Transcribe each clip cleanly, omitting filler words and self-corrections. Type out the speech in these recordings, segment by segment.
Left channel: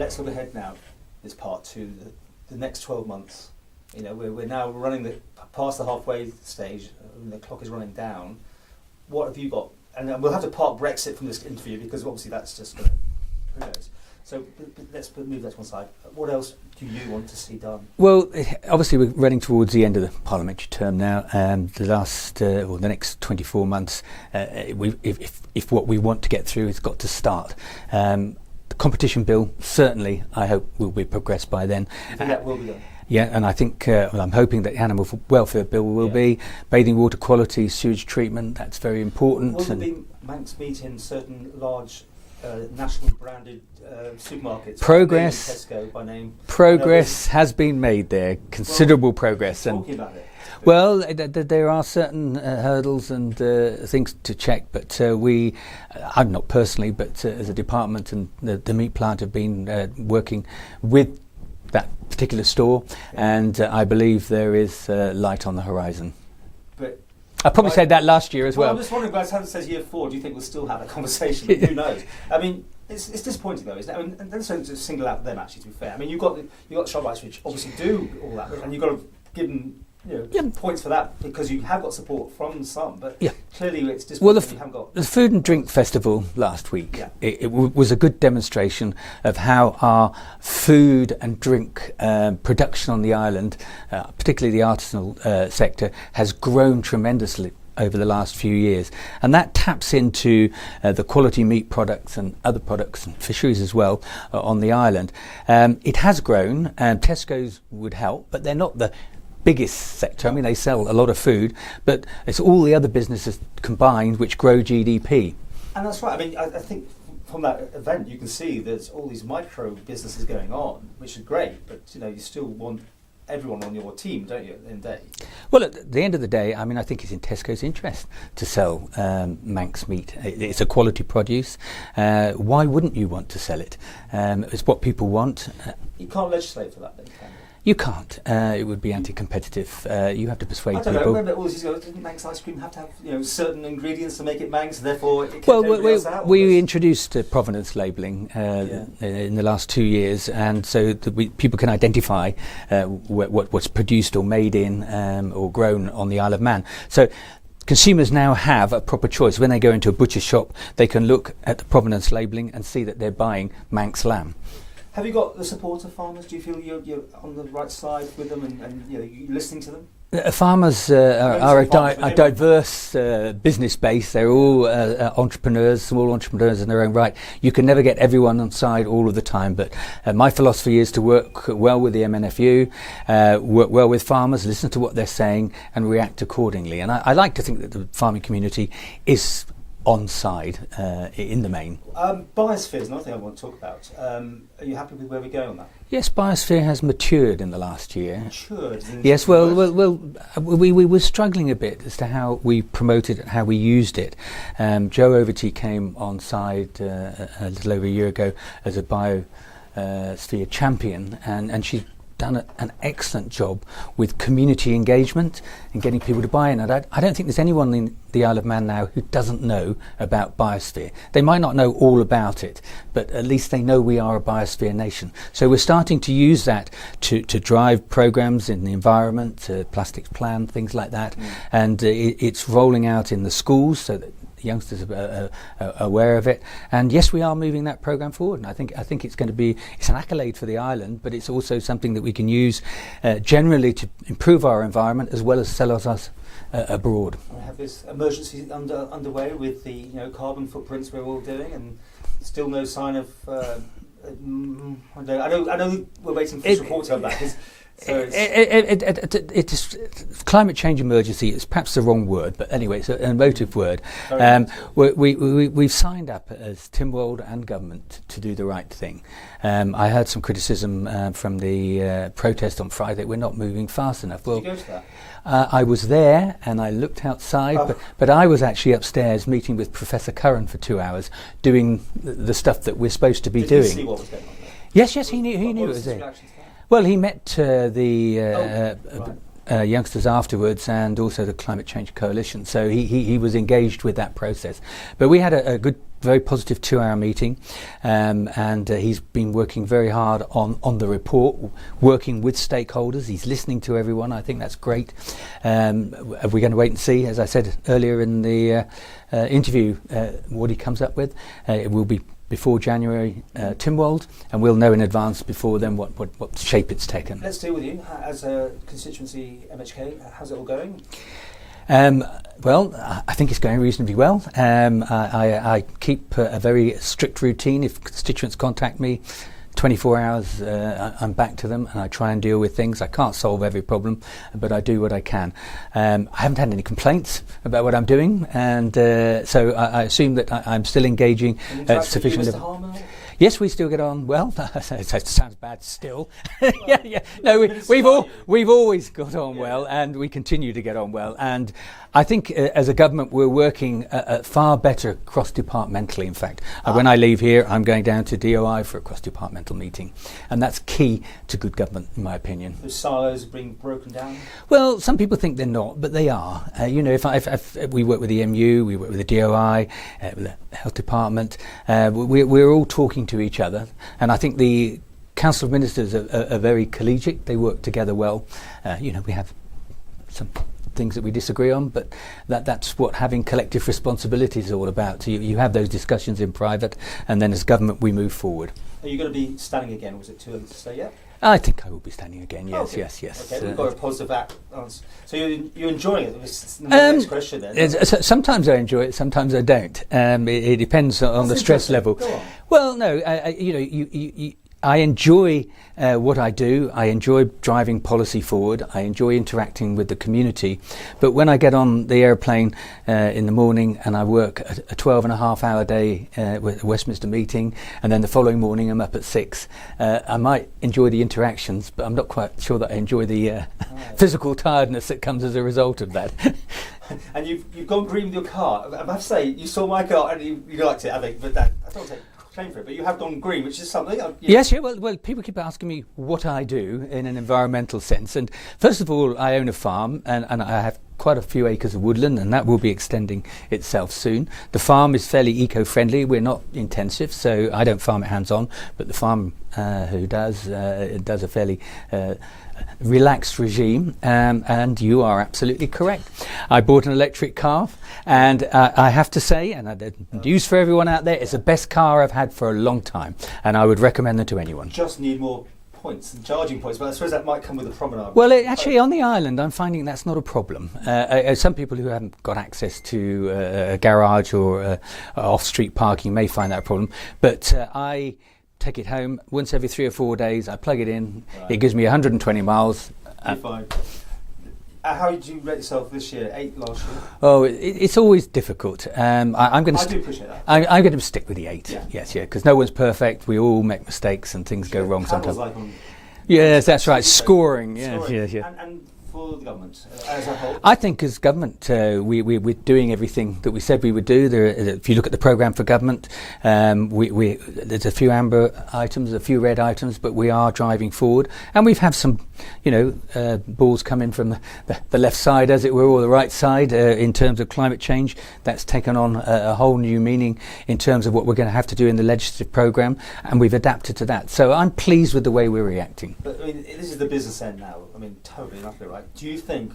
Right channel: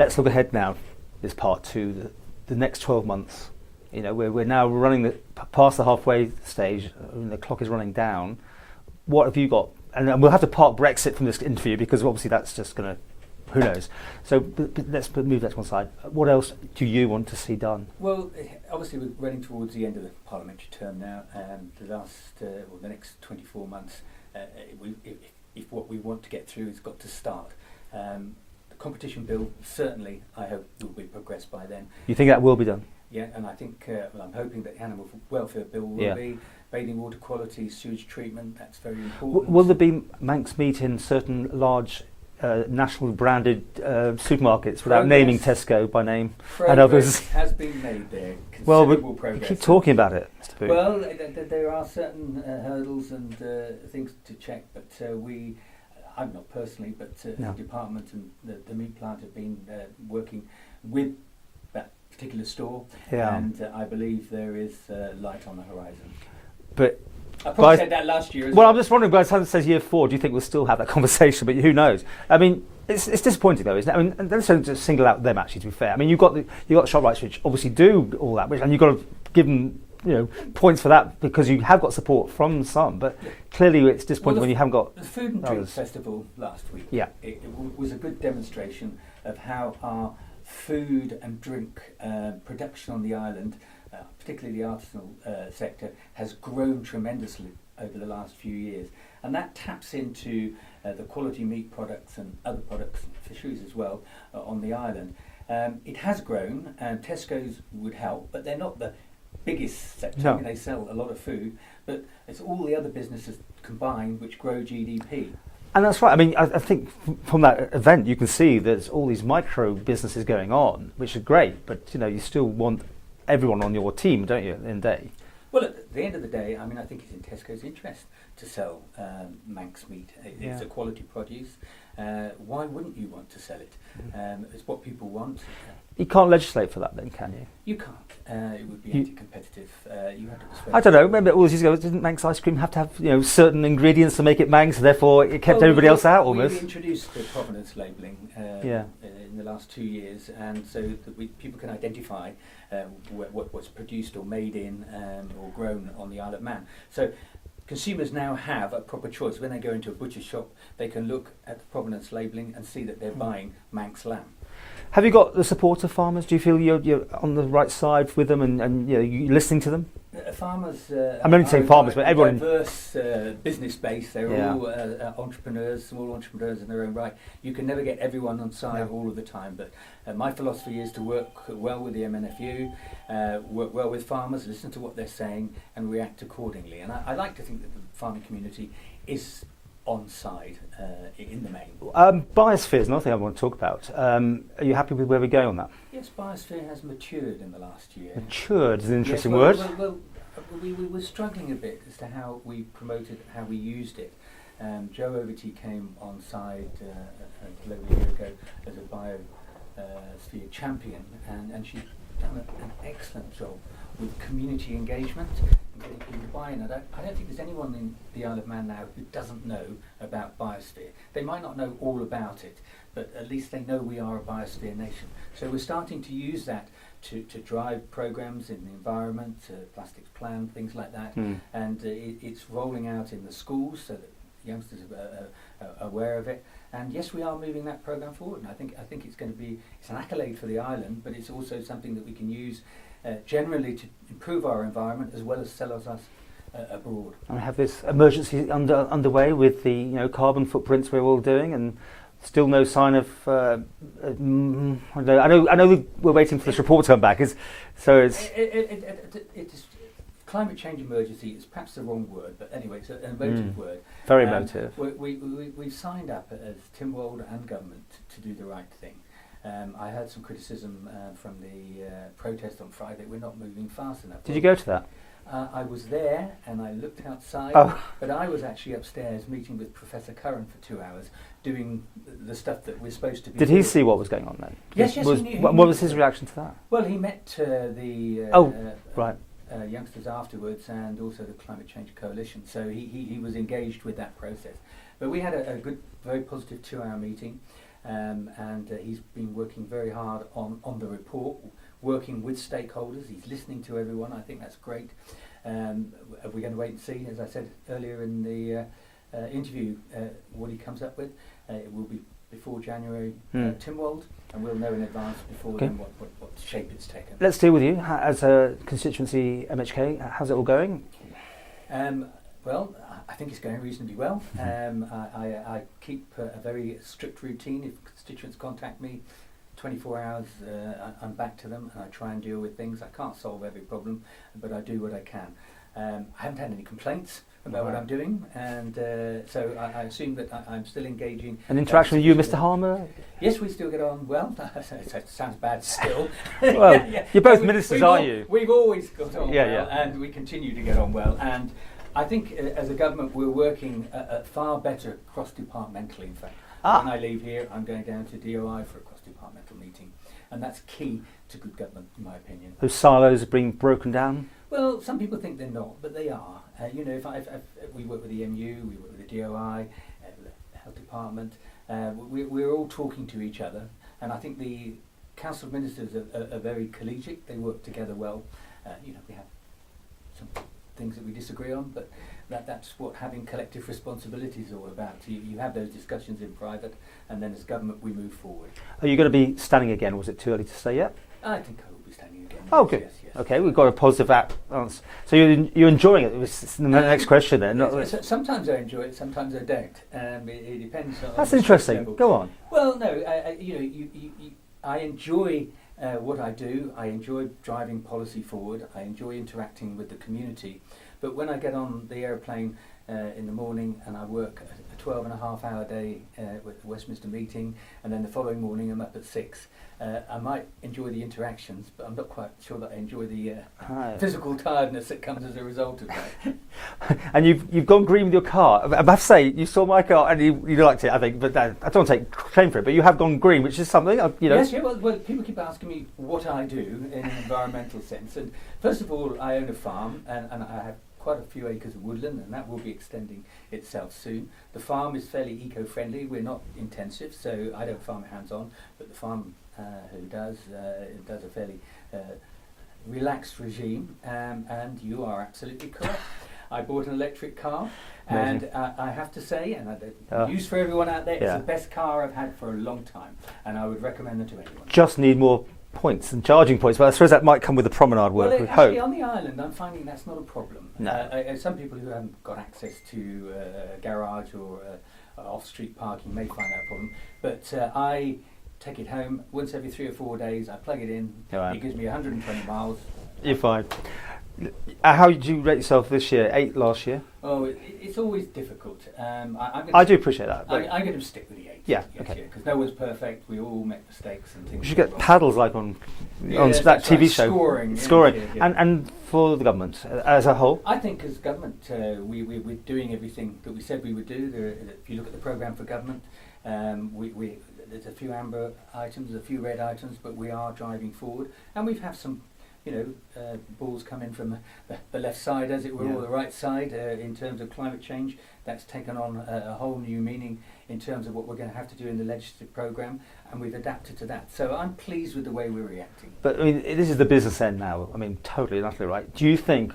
let's look ahead now. This part to the next 12 months. You know, we're now running past the halfway stage, and the clock is running down. What have you got? And we'll have to park Brexit from this interview because obviously that's just going to, who knows. So but let's move that to one side. What else do you want to see done? Well, obviously we're running towards the end of the parliamentary term now. The next 24 months, if what we want to get through has got to start. The competition bill, certainly, I hope, will be progressed by then. You think that will be done? Yeah, and I think, I'm hoping that the Animal Welfare Bill will be. Bathing water quality, sewage treatment, that's very important. Will there be Manx meat in certain large national branded supermarkets? Naming Tesco by name. Progress has been made there, considerable progress. Keep talking about it. Well, there are certain hurdles and things to check, but I'm not personally, but as a department and the meat plant have been working with that particular store, and I believe there is light on the horizon. But I probably said that last year as well. Well, I'm just wondering, by the time it says year 4, do you think we'll still have that conversation? But who knows? I mean, it's disappointing though, isn't it? I mean, don't just single out them. Actually, to be fair, I mean, you've got ShopRites which obviously do all that, and you've got to give them points for that because you have got support from some, but clearly it's disappointing when you haven't got. The Food and Drink Festival last week, it was a good demonstration of how our food and drink production on the island, particularly the artisanal sector, has grown tremendously over the last few years, and that taps into the quality meat products and other products and fisheries as well on the island. It has grown, and Tesco's would help, but they're not the biggest sector. I mean, they sell a lot of food, but it's all the other businesses combined which grow GDP. And that's right. I mean, I think from that event you can see there's all these micro businesses going on, which are great, but you still want everyone on your team, don't you, in the day? Well, at the end of the day, I mean, I think it's in Tesco's interest to sell Manx meat. It's a quality produce. Why wouldn't you want to sell it? It's what people want. You can't legislate for that then, can you? You can't. It would be anti-competitive. You have to persuade I don't people. know. Remember all these years ago, didn't Manx ice cream have to have certain ingredients to make it Manx, and therefore it kept everybody else out? We introduced provenance labelling in the last 2 years, and so that people can identify what's produced or made in or grown on the Isle of Man. So consumers now have a proper choice. When they go into a butcher shop, they can look at the provenance labelling and see that they're buying Manx lamb. Have you got the support of farmers? Do you feel you're on the right side with them and you're listening to them? Farmers are a diverse business base. They're all entrepreneurs, small entrepreneurs in their own right. You can never get everyone on side all of the time, but my philosophy is to work well with the MNFU, work well with farmers, listen to what they're saying and react accordingly. And I like to think that the farming community is on side in the main. Biosphere is another thing I want to talk about. Are you happy with where we go on that? Yes, biosphere has matured in the last year. Matured is an yes, interesting well, we were struggling a bit as to how we promoted it, how we used it. Jo Overty came on side a little over a year ago as a biosphere champion, and she's done an excellent job with community engagement and getting people to buy in. And I don't think there's anyone in the Isle of Man now who doesn't know about biosphere. They might not know all about it, but at least they know we are a biosphere nation. So we're starting to use that to drive programs in the environment, plastics plan, things like that. And it's rolling out in the schools so that youngsters are aware of it, and yes, we are moving that program forward. And I think it's going to be an accolade for the island, but it's also something that we can use generally to improve our environment as well as sell us abroad. I have this emergency underway with the carbon footprints we're all doing, and still no sign of. I know we're waiting for this report to come back. It's climate change emergency is perhaps the wrong word, but anyway, it's an emotive word. We've signed up as Tynwald and government to do the right thing. I heard some criticism from the protest on Friday that we're not moving fast enough. Did you go to that? I was there and I looked outside, but I was actually upstairs meeting with Professor Curran for 2 hours doing the stuff that we're supposed to be doing. Did he see what was going on then? Yes, he knew. What was his reaction to that? Well, he met the youngsters afterwards, and also the Climate Change Coalition. So he was engaged with that process. But we had a good, very positive 2-hour meeting, and he's been working very hard on the report, working with stakeholders. He's listening to everyone. I think that's great. We're going to wait and see, as I said earlier in the interview, what he comes up with. It will be before January Tynwald, and we'll know in advance before then what shape it's taken. Let's deal with you as a constituency MHK. How's it all going? Well, I think it's going reasonably well. I keep a very strict routine. If constituents contact me, 24 hours I'm back to them, and I try and deal with things. I can't solve every problem, but I do what I can. I haven't had any complaints about what I'm doing, and so I assume that I'm still engaging. An interaction with you, Mr. Harmer? Yes, we still get on well. It sounds bad still. Well, you're both ministers, aren't you? We've always got on well, yeah. and we continue to get on well. And I think as a government we're working far better cross-departmentally. In fact, when I leave here, I'm going down to DOI for a cross-departmental meeting, and that's key to good government, in my opinion. Those silos are being broken down? Well, some people think they're not, but they are. You know, if we work with the MU, we work with the DOI, with the Health Department, we're all talking to each other, and I think the Council of Ministers are very collegiate. They work together well. You know, we have some things that we disagree on, but that's what having collective responsibility is all about. So you have those discussions in private, and then as government we move forward. Are you going to be standing again? Was it too early to say yet? I think I will be standing again. Yes, oh, good. yes. Okay, we've got a positive answer. So you're enjoying it? It was the next question then. Sometimes I enjoy it, sometimes I don't. It depends on the stress level. Go on. Well, no, you know, I enjoy what I do. I enjoy driving policy forward. I enjoy interacting with the community. But when I get on the airplane in the morning and I work a 12-and-a-half-hour day with a Westminster meeting, and then the following morning I'm up at 6, I might enjoy the interactions, but I'm not quite sure that I enjoy the physical tiredness that comes as a result of that. And you've gone green with your car. I have to say, you saw my car and you liked it, I think, but I don't want to take claim for it, but you have gone green, which is something. You know. Yes, yeah, well, people keep asking me what I do in an environmental sense. And first of all, I own a farm, and I have quite a few acres of woodland, and that will be extending itself soon. The farm is fairly eco-friendly. We're not intensive, so I don't farm it hands-on, but the farm who does a fairly relaxed regime, and you are absolutely correct. I bought an electric car, and I have to say, and the news for everyone out there, it's the best car I've had for a long time, and I would recommend them to anyone. Just need more points and charging points, but I suppose that might come with the promenade. Well, actually, on the island, I'm finding that's not a problem. Some people who haven't got access to a garage or off-street parking may find that a problem, but I take it home once every 3 or 4 days. I plug it in. Right. It gives me 120 miles. You're fine. How did you rate yourself this year? 8 last year? Oh, it's always difficult. I do appreciate that. I'm going to stick with the 8. Yeah. Yes, yeah, because no one's perfect. We all make mistakes and things go wrong. Paddles like on. Yes, that's right. Show. Scoring. Scoring. Yes, yes. And for the government as a whole? I think as government we're doing everything that we said we would do. If you look at the programme for government, there's a few amber items, a few red items, but we are driving forward. And we've had some, balls come in from the left side, as it were, or the right side in terms of climate change. That's taken on a whole new meaning in terms of what we're going to have to do in the legislative programme, and we've adapted to that. So I'm pleased with the way we're reacting. But I mean, this is the business end now. I mean, totally and utterly right. Do you think,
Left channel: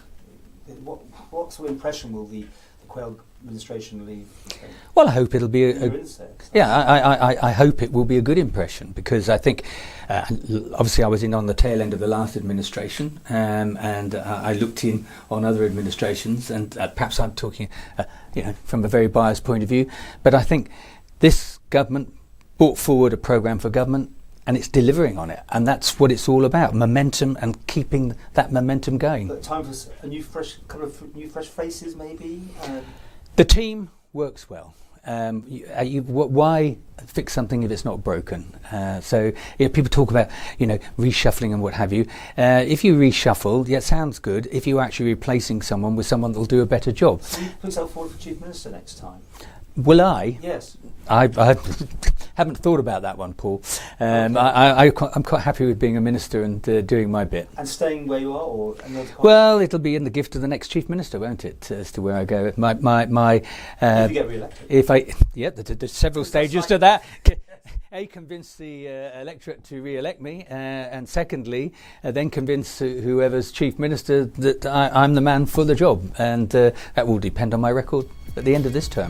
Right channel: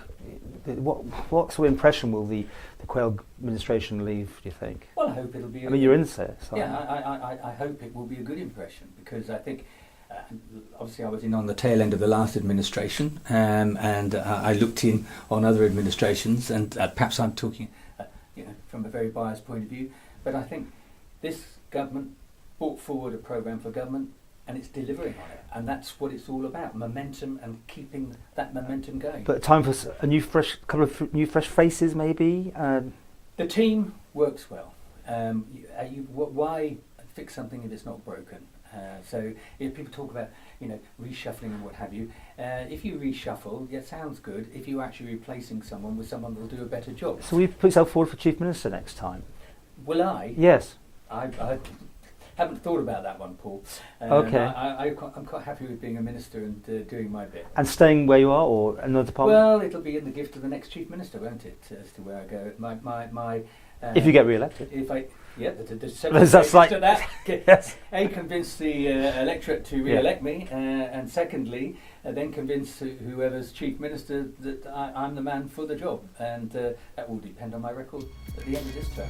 what sort of impression will the Quayle administration leave, do you think? Well, I hope it'll be you're in there. Yeah, I hope it will be a good impression, because I think, obviously I was in on the tail end of the last administration, and I looked in on other administrations, and perhaps I'm talking from a very biased point of view, but I think this government brought forward a programme for government, and it's delivering on it, and that's what it's all about: momentum and keeping that momentum going. But time for a couple of new fresh faces, maybe. The team works well. Why fix something if it's not broken? So people talk about reshuffling and what have you. If you reshuffle, it sounds good. If you're actually replacing someone with someone that'll do a better job. Will you put yourself forward for Chief Minister next time? Will I? Yes. haven't thought about that one, Paul. Okay. I'm quite happy with being a minister and doing my bit. And staying where you are, or another department? Well, it'll be in the gift of the next chief minister, won't it? As to where I go. If you get re-elected. There's several Is that stages to that. Yes. A, convince the electorate to re-elect me, and secondly, then convince whoever's chief minister that I'm the man for the job, and that will depend on my record at the end of this term.